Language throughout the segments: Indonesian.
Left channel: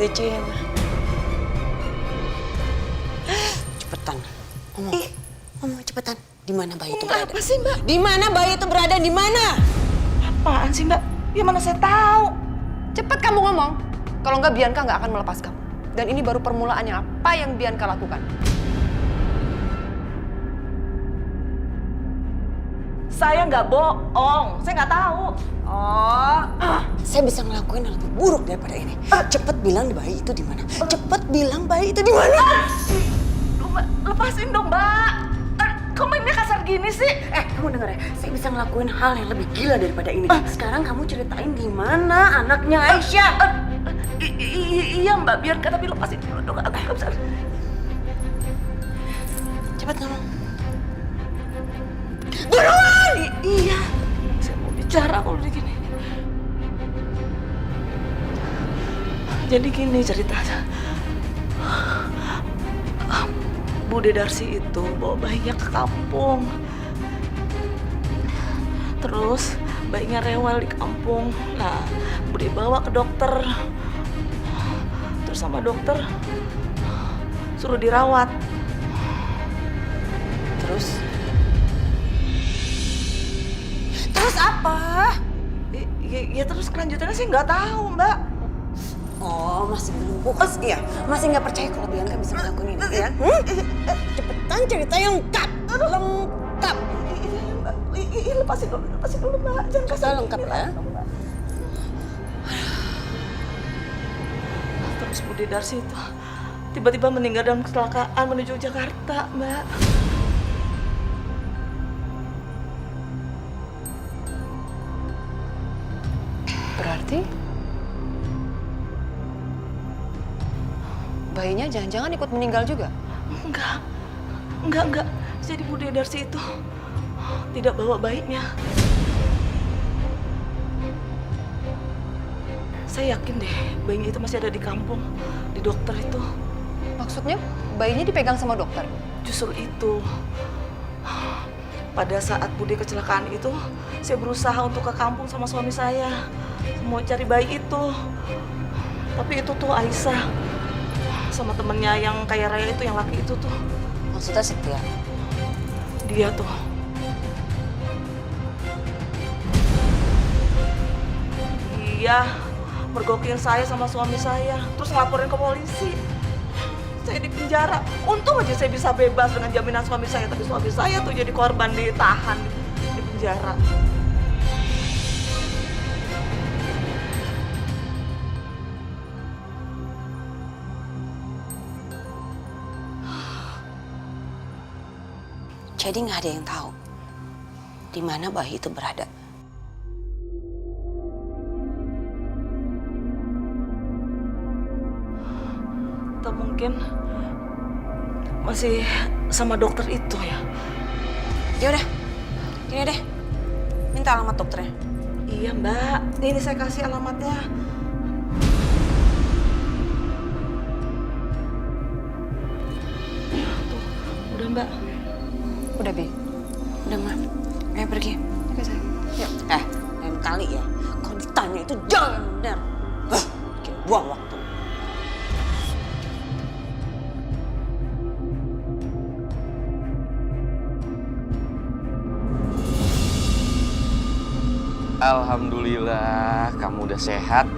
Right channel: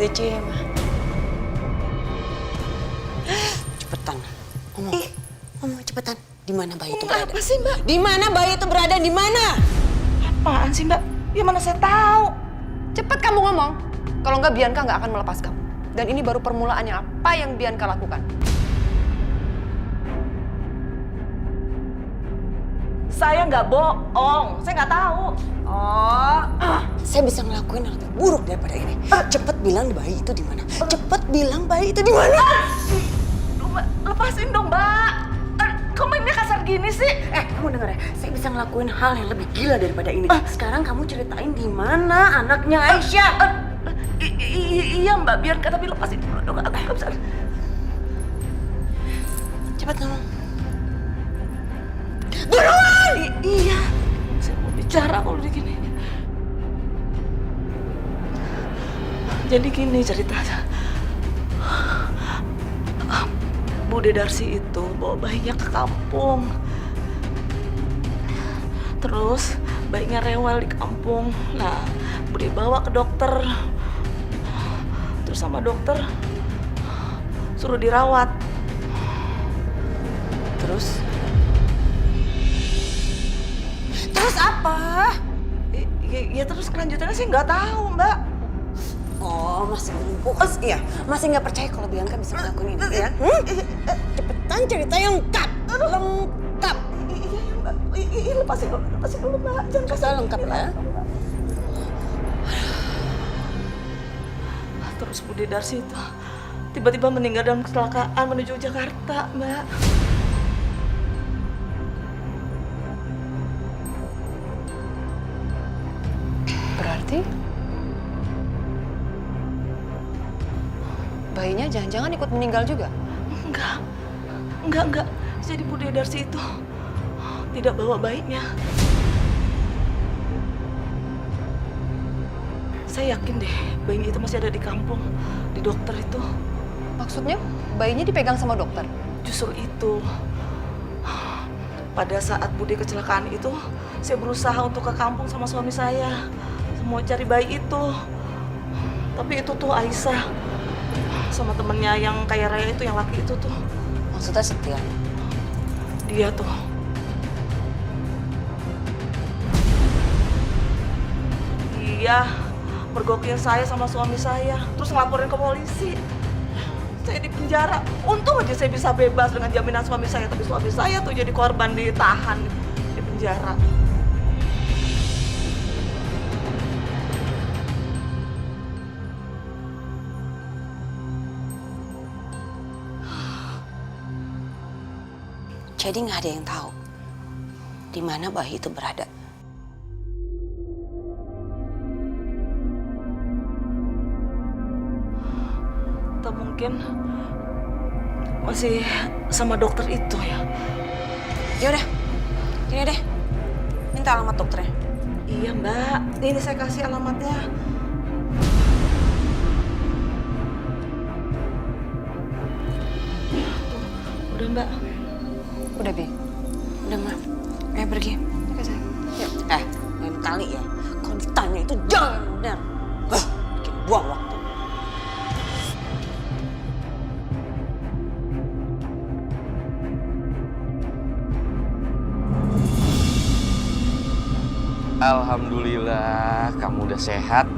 gitu Cem. Cepetan, ngomong cepetan. Di mana bayi itu berada? Apa sih Mbak? Di mana bayi itu berada? Di mana? Apaan sih Mbak? Ya mana saya tahu. Cepet kamu ngomong. Kalau nggak Bianca nggak akan melepas kamu. Dan ini baru permulaannya apa yang Bianca lakukan. Saya nggak bohong. Saya nggak tahu. Saya bisa ngelakuin yang lebih buruk daripada ini. Cepet bilang bayi itu di mana? Cepet bilang bayi itu di mana? Mbak, lepasin dong Mbak. Kok mainnya kasar gini sih? Kamu denger ya, saya bisa ngelakuin hal yang lebih gila daripada ini. Sekarang kamu ceritain di mana anaknya Aisyah. Iya Mbak, Bianca, tapi lepasin dulu dong. Aku nggak bisa. Cepat ngomong. Iya. Saya mau bicara kalau begini. Jadi gini ceritanya. Bude Darsi itu bawa bayinya ke kampung. Terus bayinya rewel di kampung. Nah, Bude bawa ke dokter. Terus sama dokter suruh dirawat. Terus apa? Ya terus kelanjutannya sih nggak tahu Mbak. Oh, masih belum puas ya? Masih nggak percaya kalau Bianca bisa ngelakuin ini ya? Cepetan cerita yang lengkap. Lengkap. Iya Mbak. Iya lepasin dulu Mbak. Jangan kasih Lengkap lah. Terus Bude Darsi itu tiba-tiba meninggal dalam kecelakaan menuju Jakarta, Mbak. Berarti bayinya jangan-jangan ikut meninggal juga? Enggak. Jadi Bude Darsi itu tidak bawa bayinya. Saya yakin deh bayinya itu masih ada di kampung, di dokter itu. Maksudnya bayinya dipegang sama dokter? Justru itu. Pada saat Bude kecelakaan itu, saya berusaha untuk ke kampung sama suami saya. Mau cari bayi itu. Tapi itu tuh Aisyah. Sama temennya yang kaya raya itu, yang laki itu tuh. Maksudnya Setia? Dia tuh. Iya, mergokin saya sama suami saya. Terus ngelaporin ke polisi. Saya di penjara. Untung aja saya bisa bebas dengan jaminan suami saya. Tapi suami saya tuh jadi korban, ditahan di penjara. Jadi nggak ada yang tahu di mana bayi itu berada. Atau mungkin masih sama dokter itu ya. Ya udah, gini deh, minta alamat dokternya. Iya Mbak, ini saya kasih alamatnya. Tuh, udah Mbak. Udah, Bi. Udah, Ma. Ayo pergi. Oke, sayang. Yuk. Lain kali ya, kalau ditanya itu jangan benar. Bikin buang waktu. Alhamdulillah, kamu udah sehat.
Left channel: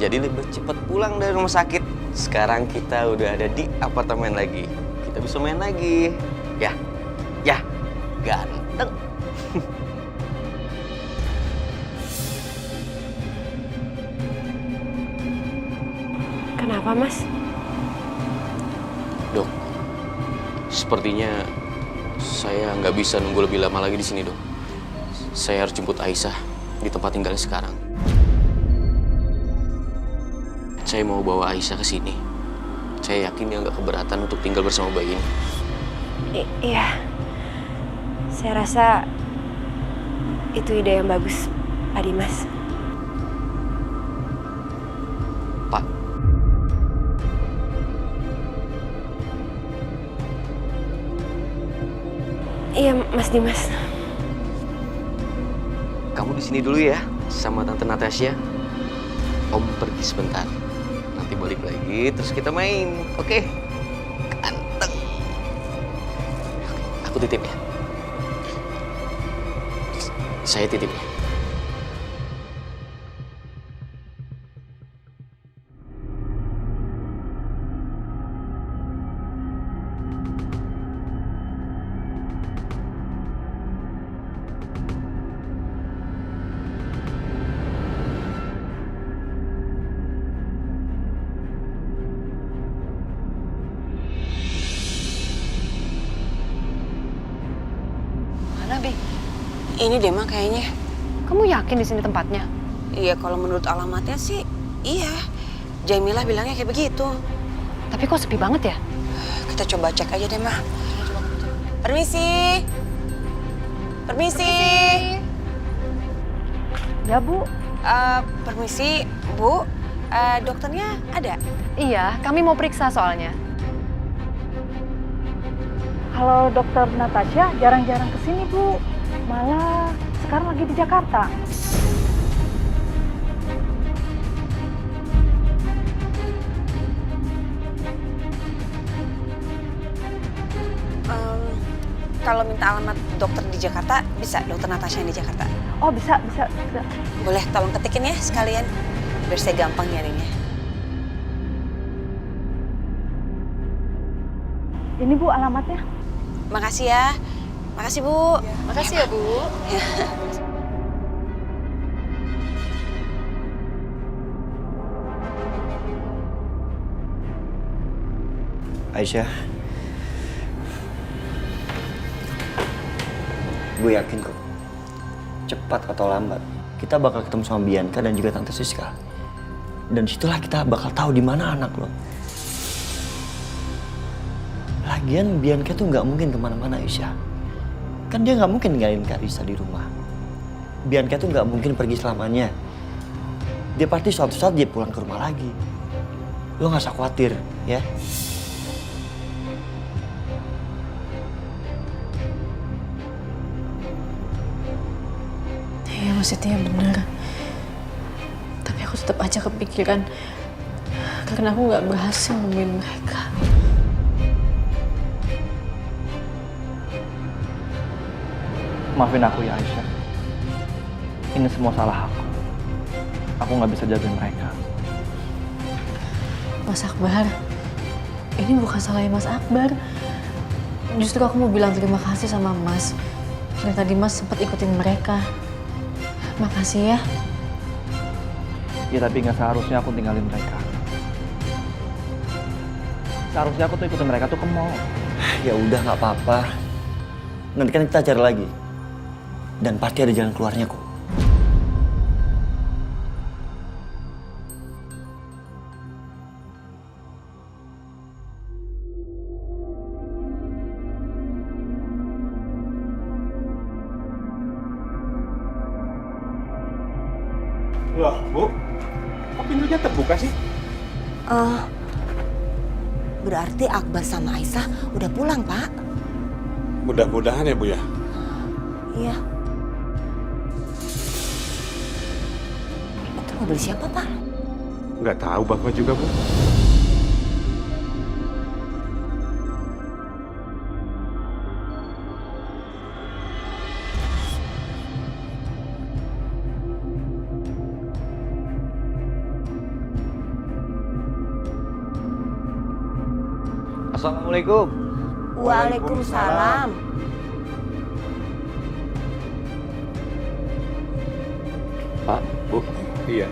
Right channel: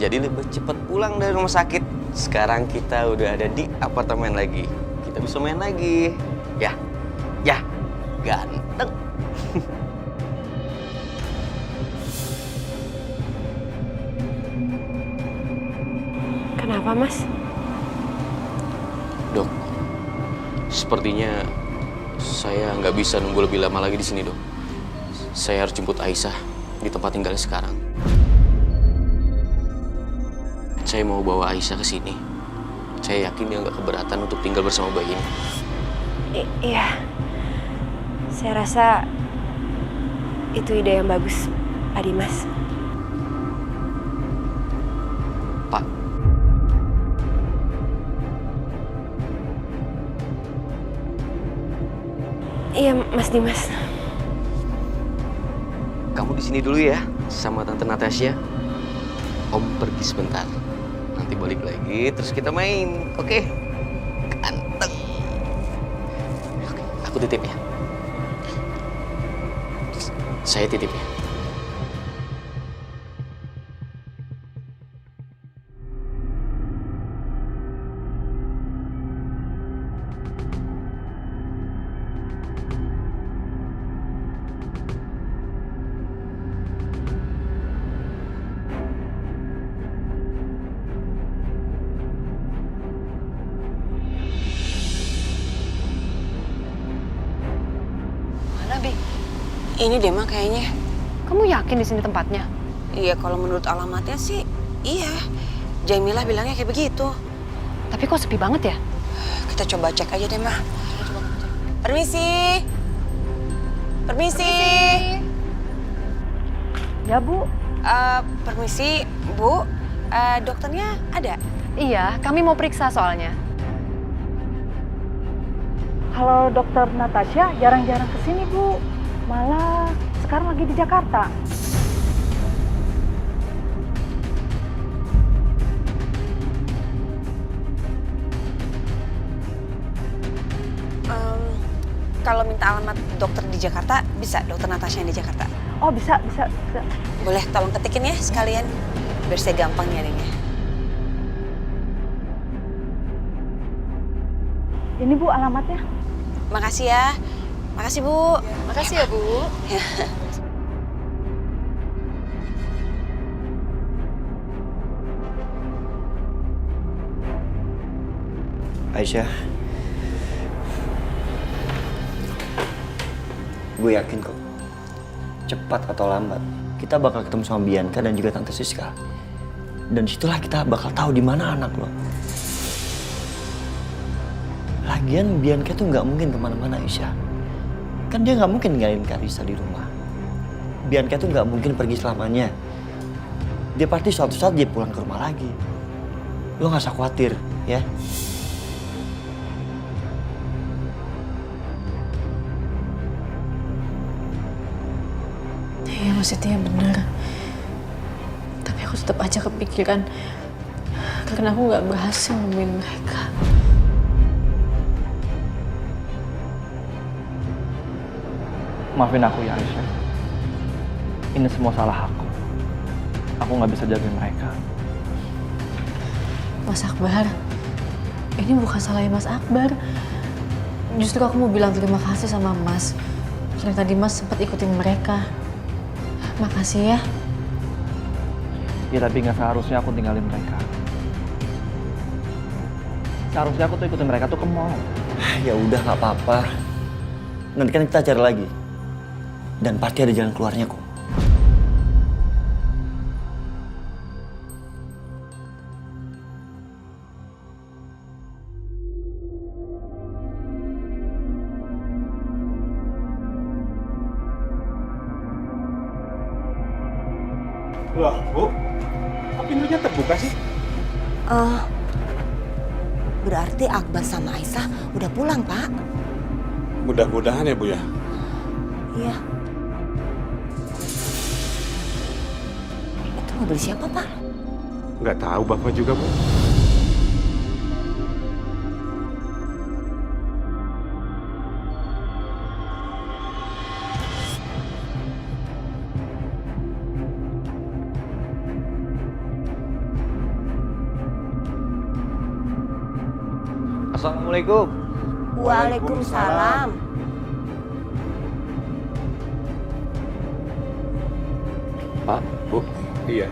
Jadi lebih cepat pulang dari rumah sakit. Sekarang kita udah ada di apartemen lagi. Kita bisa main lagi. Ya, ganteng. Kenapa, Mas? Dok, sepertinya saya nggak bisa nunggu lebih lama lagi di sini, Dok. Saya harus jemput Aisyah di tempat tinggalnya sekarang. Saya mau bawa Aisyah ke sini. Saya yakin dia nggak keberatan untuk tinggal bersama bayi ini. Iya. Saya rasa itu ide yang bagus, Pak Dimas. Pak. Iya, Mas Dimas. Kamu di sini dulu ya, sama Tante Natasha. Om pergi sebentar. Nanti nanti balik lagi, terus kita main. Oke? Ganteng. Oke, aku titip ya. Saya titip ya. Mana, Bi? Ini deh, Ma, kayaknya. Kamu yakin di sini tempatnya? Iya, kalau menurut alamatnya sih, iya. Jamilah bilangnya kayak begitu. Tapi kok sepi banget ya? Kita coba cek aja deh, Ma. Permisi. Permisi. Ya, Bu. Permisi, Bu. Dokternya ada? Iya, kami mau periksa soalnya. Kalau dokter Natasha jarang-jarang kesini, Bu. Malah sekarang lagi di Jakarta. Kalau minta alamat dokter di Jakarta, bisa dokter Natasha yang di Jakarta. Oh, bisa. Boleh tolong ketikin ya sekalian, biar saya gampang nyarinya. Ini, Bu, alamatnya. Makasih ya. Makasih, Bu. Makasih ya, Bu. Aisyah, gue yakin kok, cepat atau lambat, kita bakal ketemu sama Bianca dan juga Tante Siska. Dan disitulah kita bakal tahu di mana anak lo. Lagian Bianca tuh nggak mungkin kemana-mana, Aisyah. Kan dia nggak mungkin ninggalin Karissa di rumah. Bianca tuh nggak mungkin pergi selamanya. Dia pasti suatu saat dia pulang ke rumah lagi. Lo nggak usah khawatir, ya. Iya, maksudnya benar. Tapi aku tetap aja kepikiran karena aku nggak berhasil nemuin mereka. Maafin aku ya Aisyah. Ini semua salah aku. Aku nggak bisa jagain mereka. Mas Akbar, ini bukan salahnya Mas Akbar. Justru aku mau bilang terima kasih sama Mas. Karena tadi Mas sempat ikutin mereka. Makasih ya. Ya tapi nggak seharusnya aku tinggalin mereka. Seharusnya aku tuh ikutin mereka tuh ke mall. Ya udah nggak apa-apa. Nanti kan kita cari lagi. Dan pasti ada jalan keluarnya kok. Loh, Bu, kok pintunya terbuka sih? Berarti Akbar sama Aisyah udah pulang, Pak. Mudah-mudahan ya, Bu ya. Iya. Itu mobil siapa, Pak? Nggak tahu Bapak juga, Bu. Assalamualaikum. Waalaikumsalam. Pak, Bu. Iya.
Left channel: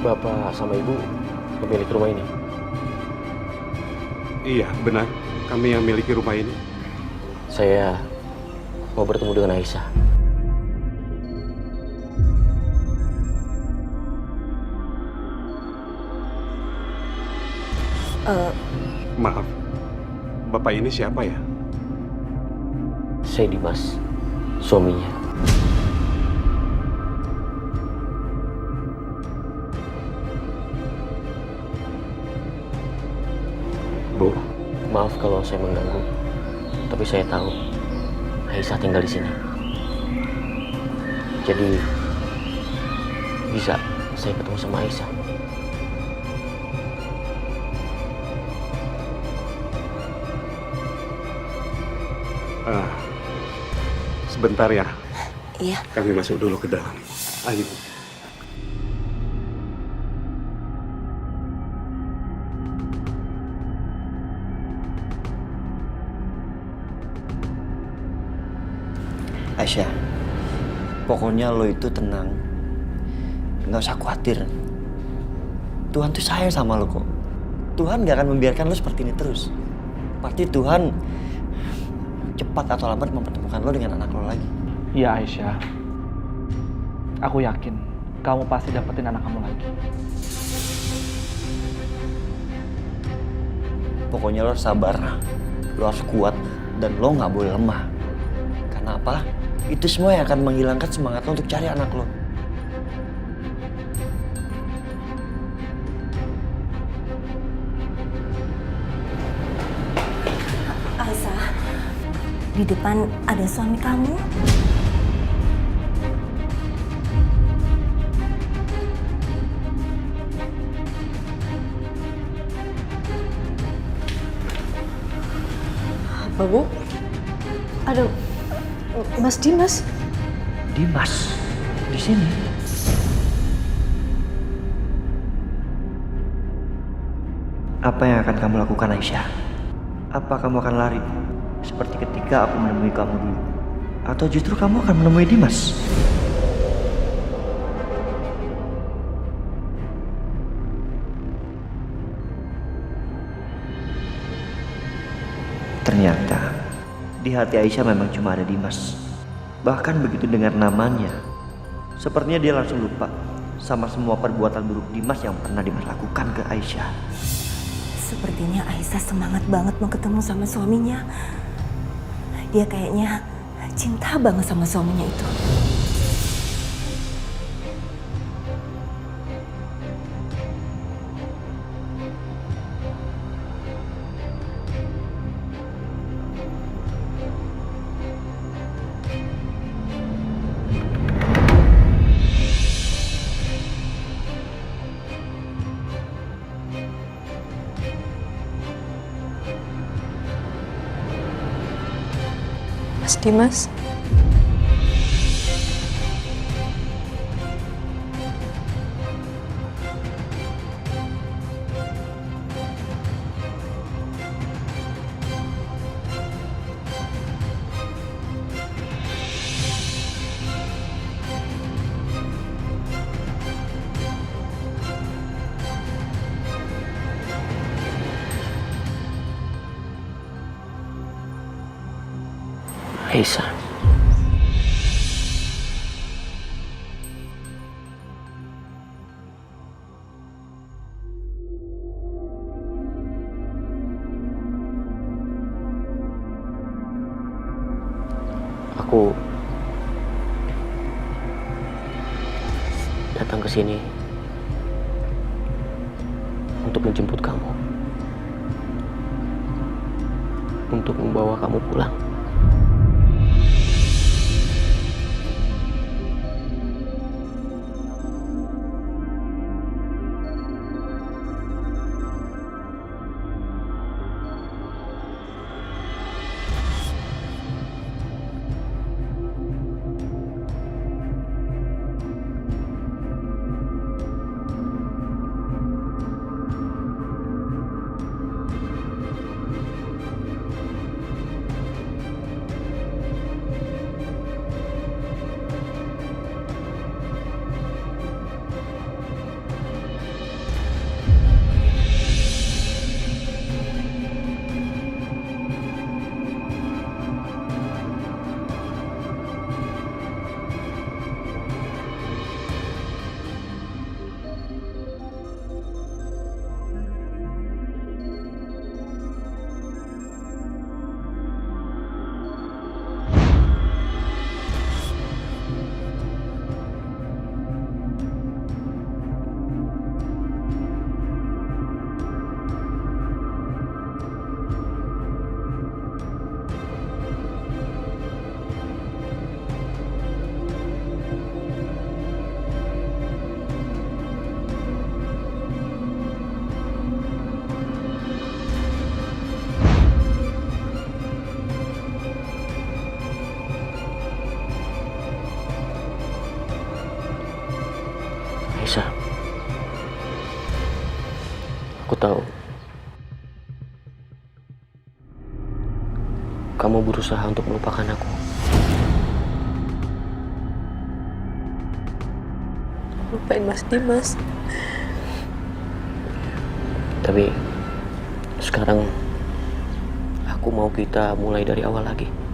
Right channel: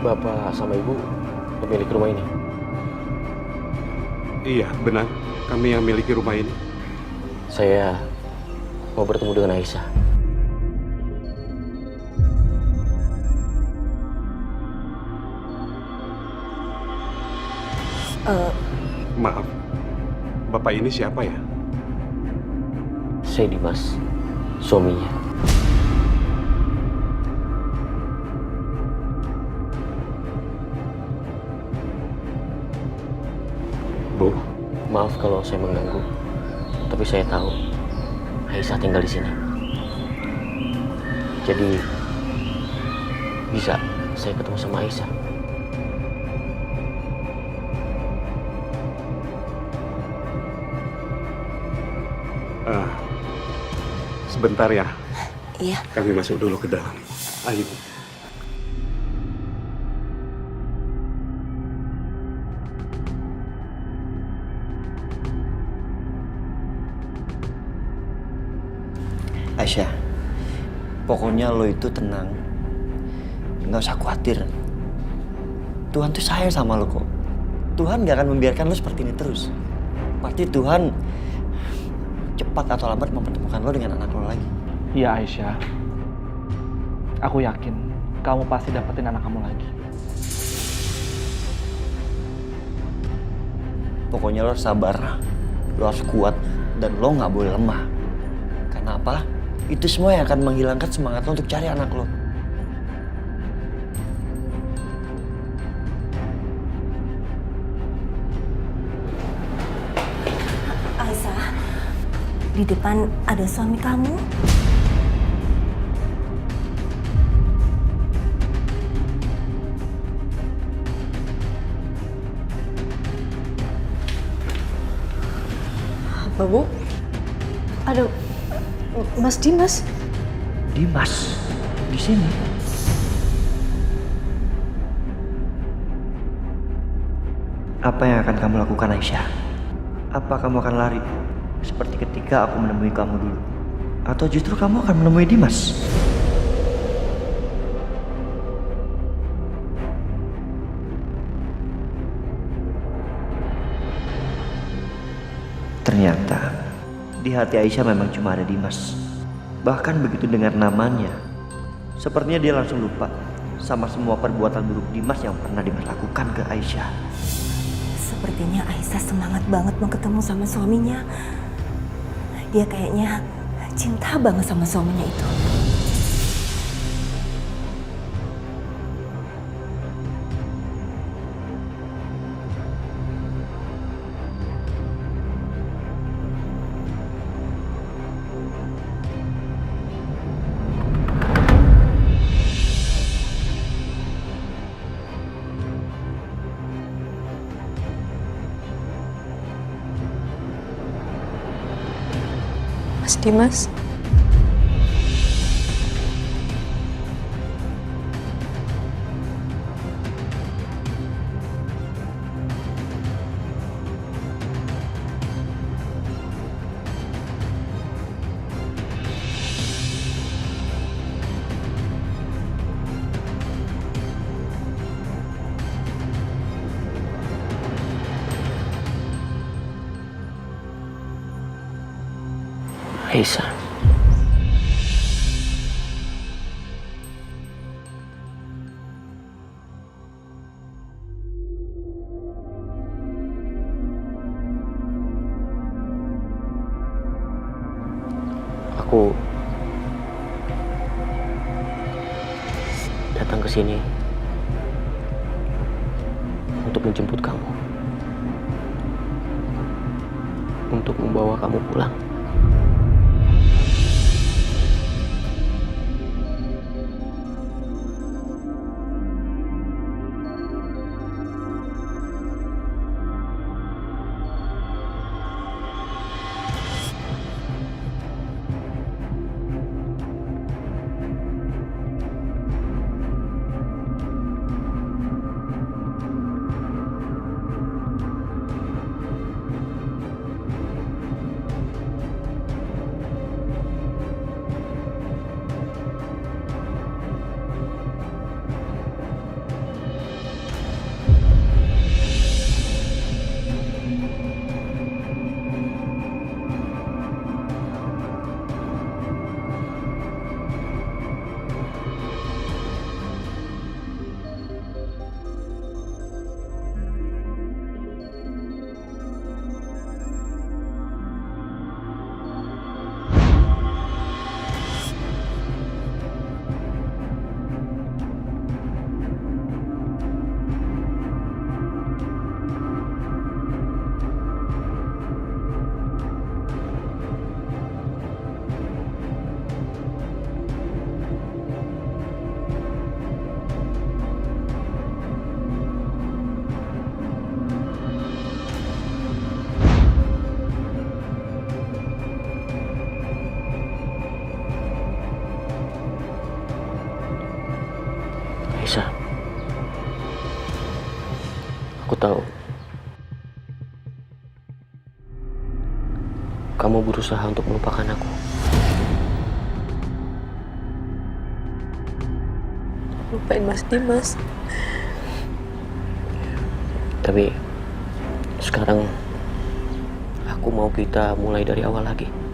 Bapak sama Ibu pemilik rumah ini? Iya, benar. Kami yang miliki rumah ini. Saya mau bertemu dengan Aisyah. Maaf, Bapak ini siapa ya? Saya Dimas, suaminya. Bu, maaf kalau saya mengganggu. Tapi saya tahu Aisyah tinggal di sini. Jadi bisa saya ketemu sama Aisyah. Sebentar ya. Iya. Kami masuk dulu ke dalam. Ayo. Aisyah, pokoknya lo itu tenang. Nggak usah khawatir. Tuhan tuh sayang sama lo kok. Tuhan nggak akan membiarkan lo seperti ini terus. Pasti Tuhan cepat atau lambat mempertemukan lo dengan anak lo lagi. Iya Aisyah, aku yakin kamu pasti dapetin anak kamu lagi. Pokoknya lo harus sabar, lo harus kuat, dan lo nggak boleh lemah. Karena apa? Itu semua yang akan menghilangkan semangat lo untuk cari anak lo. Aisyah, di depan ada suami kamu. Apa, Bu? Ada Mas Dimas. Dimas, di sini. Apa yang akan kamu lakukan, Aisyah? Apa kamu akan lari seperti ketika aku menemui kamu dulu? Atau justru kamu akan menemui Dimas? Ternyata di hati Aisyah memang cuma ada Dimas. Bahkan begitu dengar namanya, sepertinya dia langsung lupa sama semua perbuatan buruk Dimas yang pernah Dimas lakukan ke Aisyah. Sepertinya Aisyah semangat banget mau ketemu sama suaminya. Dia kayaknya cinta banget sama suaminya itu. Mas Dimas. Aisyah. Aku datang ke sini untuk menjemput kamu. Untuk membawa kamu pulang. Aisyah, aku tahu kamu berusaha untuk melupakan aku. Lupain Mas Dimas. Tapi sekarang aku mau kita mulai dari awal lagi.